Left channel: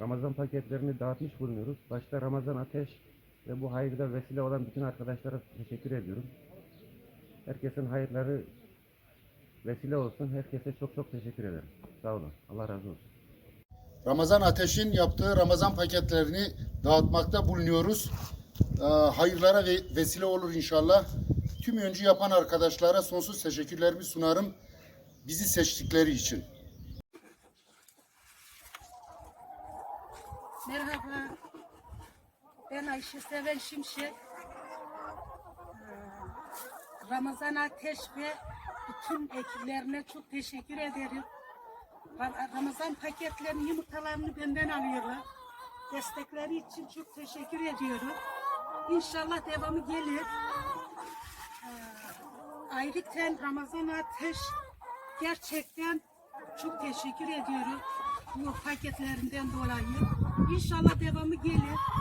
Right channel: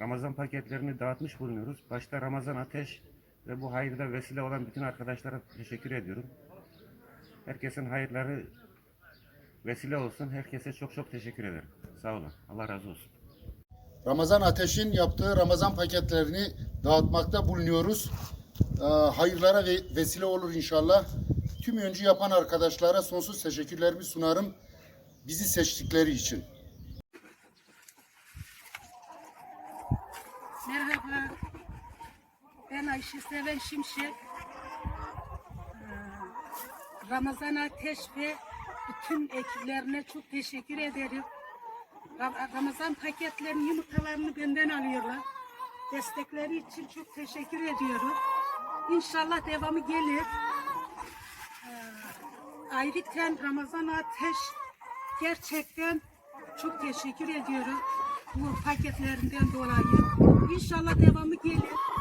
Ramazan paketlerini dağıtmış bulunuyoruz. Başta Ramazan Ateş ve bu hayırda vesile olan bütün arkadaşlara teşekkür ediyorum. Herkesin hayırları vesile olsun. Herkese çok çok teşekkür ederim. Sağ olun. Allah razı olsun. Ramazan Ateş'in yaptığı Ramazan paketlerini dağıtmakta bulunuyoruz. Ee, Hayırlara ve vesile olur inşallah. Tüm öncü yapan arkadaşlara sonsuz teşekkürlerimi sunarım. Bizi seçtikleri için. Merhaba. Ben Ayşe Seven Şimşek. Ee, Ramazan Ateş ve bütün ekiplerine çok teşekkür ederim. Ra- Ramazan paketlerinin yumurtalarını benden alıyorlar. Destekleri için çok teşekkür ediyorum. İnşallah devamı gelir. Ee, Ayrıca Ramazan Ateş gerçekten çok teşekkür ediyorum bu paketlerinden dolayı. İnşallah devamı gelir.